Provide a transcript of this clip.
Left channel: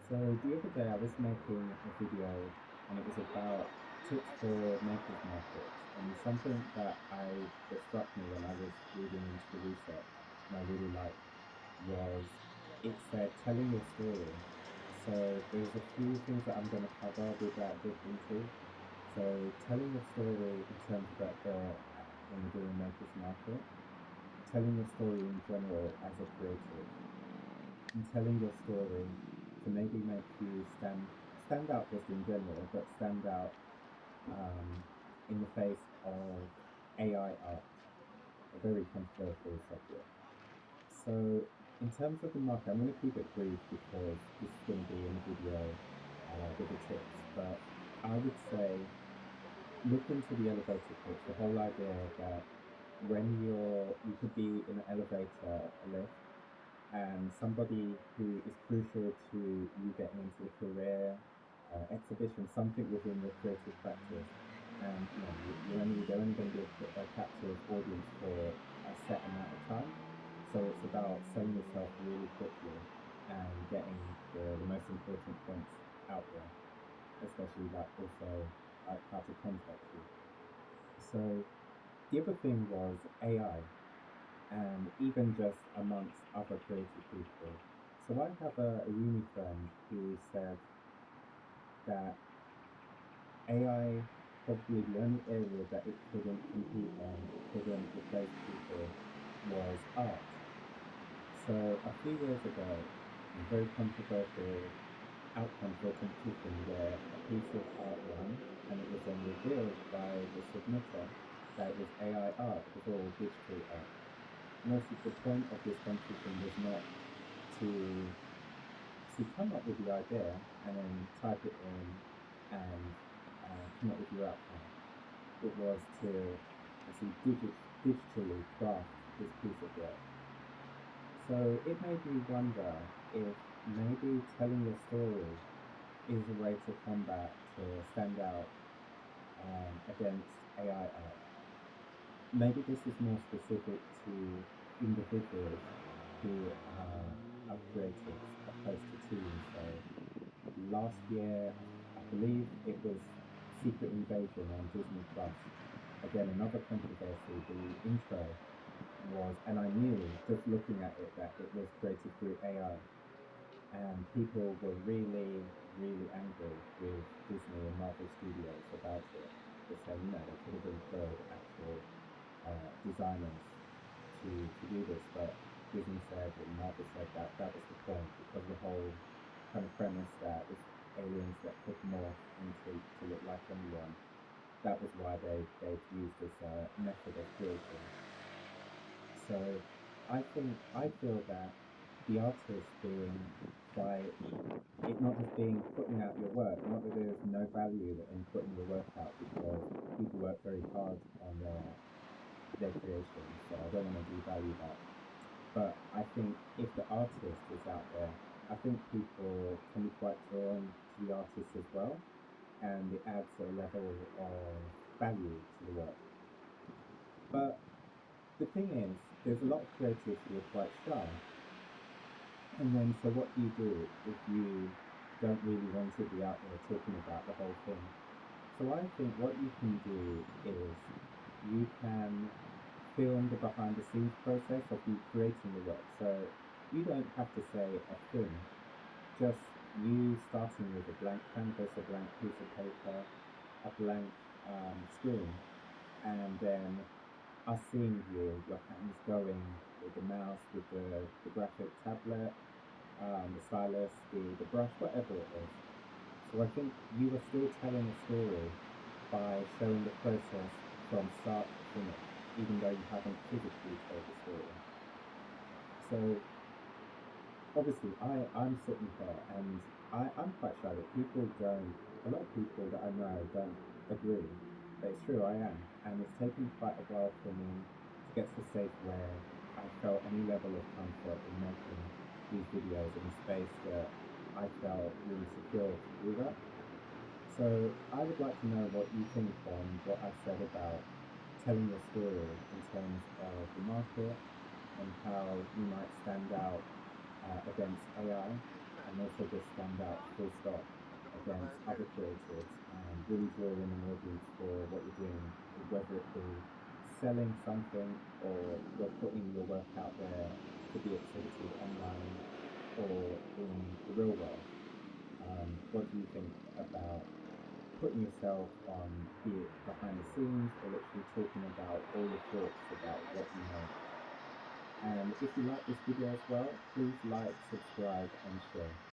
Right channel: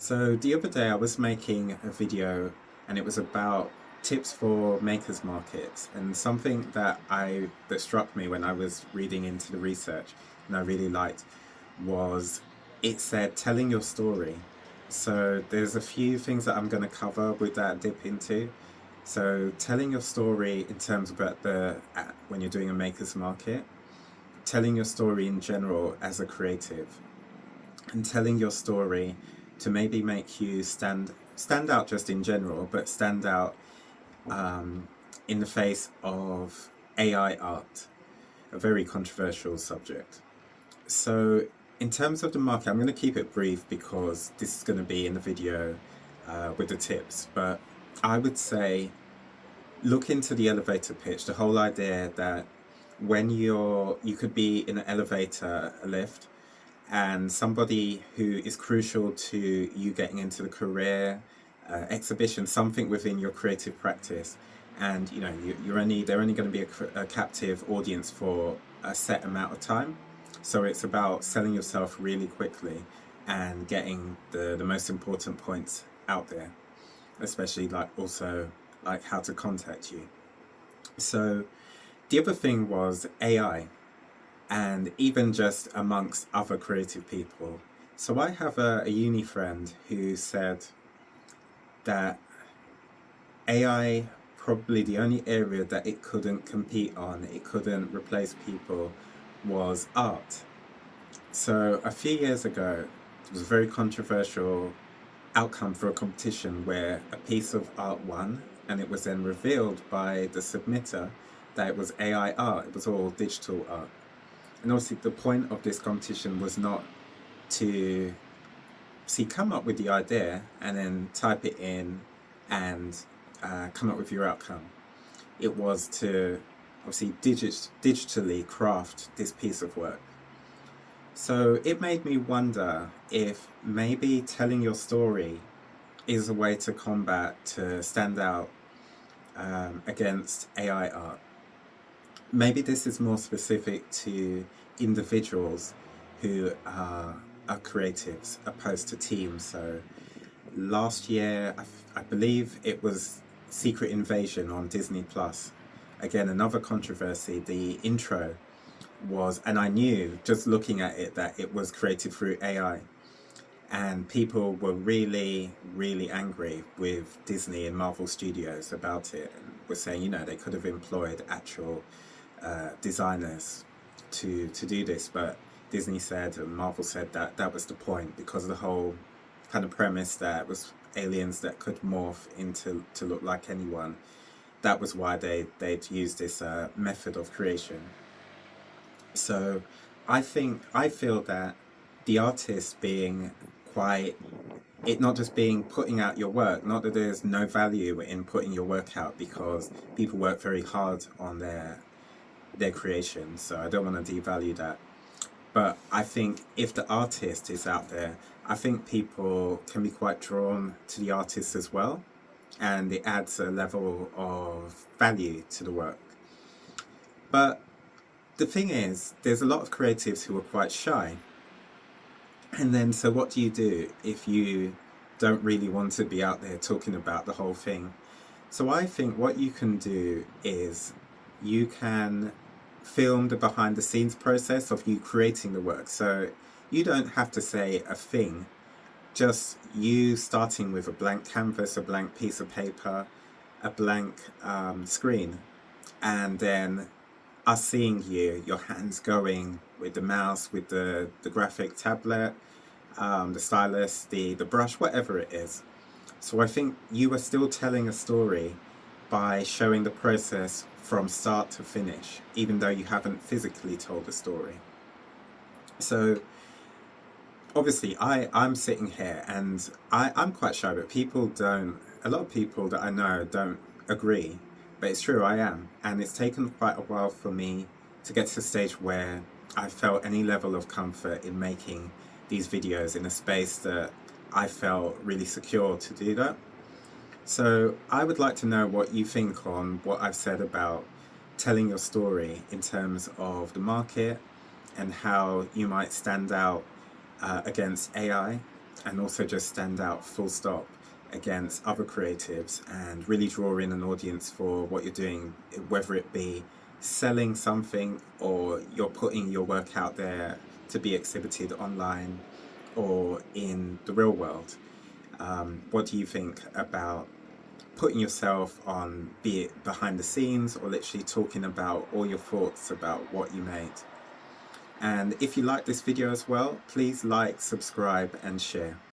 So the other day I was making a video and it was about tips for makers markets, and something that struck me when I was reading into the research and I really liked was it said telling your story. So there's a few things that I'm going to cover with that dip into. So telling your story in terms of when you're doing a makers market, telling your story in general as a creative, and telling your story to maybe make you stand out just in general, but stand out um, in the face of AI art, a very controversial subject. So, in terms of the market, I'm going to keep it brief because this is going to be in the video with the tips. But I would say look into the elevator pitch. The whole idea that you could be in an elevator, a lift, and somebody who is crucial to you getting into the career, exhibition, something within your creative practice, and they're only going to be a captive audience for a set amount of time. So it's about selling yourself really quickly and getting the most important points out there, especially like also like how to contact you. So the other thing was AI, and even just amongst other creative people. So I have a uni friend who said that AI, probably the only area that it couldn't compete on, it couldn't replace people, was art. So a few years ago, it was a very controversial outcome for a competition where a piece of art won, and it was then revealed by the submitter that it was AI art, it was all digital art. And obviously, the point of this competition was not to come up with the idea and then type it in and come up with your outcome. It was to obviously digitally craft this piece of work. So it made me wonder if maybe telling your story is a way to combat, to stand out against AI art. Maybe this is more specific to individuals who are creatives opposed to teams. So last year, I believe it was Secret Invasion on Disney Plus. Again, another controversy. The intro was, and I knew just looking at it that it was created through AI. And people were really, really angry with Disney and Marvel Studios about it. Were saying, they could have employed actual designers to do this, but Disney said and Marvel said that that was the point because of the whole kind of premise that it was aliens that could morph into to look like anyone. That was why they'd used this method of creation. So I feel that the artist being quite it not just being putting out your work, not that there's no value in putting your work out because people work very hard on their creation, so I don't want to devalue that. But I think if the artist is out there, I think people can be quite drawn to the artist as well, and it adds a level of value to the work. But the thing is, there's a lot of creatives who are quite shy. And then, so what do if you don't really want to be out there talking about the whole thing? So I think what you can do is you can film the behind the scenes process of you creating the work. So you don't have to say a thing, just you starting with a blank canvas, a blank piece of paper, a blank screen, and then us seeing you, your hands going with the mouse, with the graphic tablet, the stylus, the brush, whatever it is. So I think you are still telling a story by showing the process from start to finish, even though you haven't physically told the story. So obviously I'm sitting here and I'm quite shy, but a lot of people that I know don't agree. But it's true, I am. And it's taken quite a while for me to get to the stage where I felt any level of comfort in making these videos in a space that I felt really secure to do that. So I would like to know what you think on what I've said about telling your story in terms of the market and how you might stand out against AI. and also just stand out full stop against other creatives and really draw in an audience for what you're doing, whether it be selling something or you're putting your work out there to be exhibited online or in the real world. What do you think about putting yourself on, be it behind the scenes or literally talking about all your thoughts about what you made? And if you like this video as well, please like, subscribe, and share.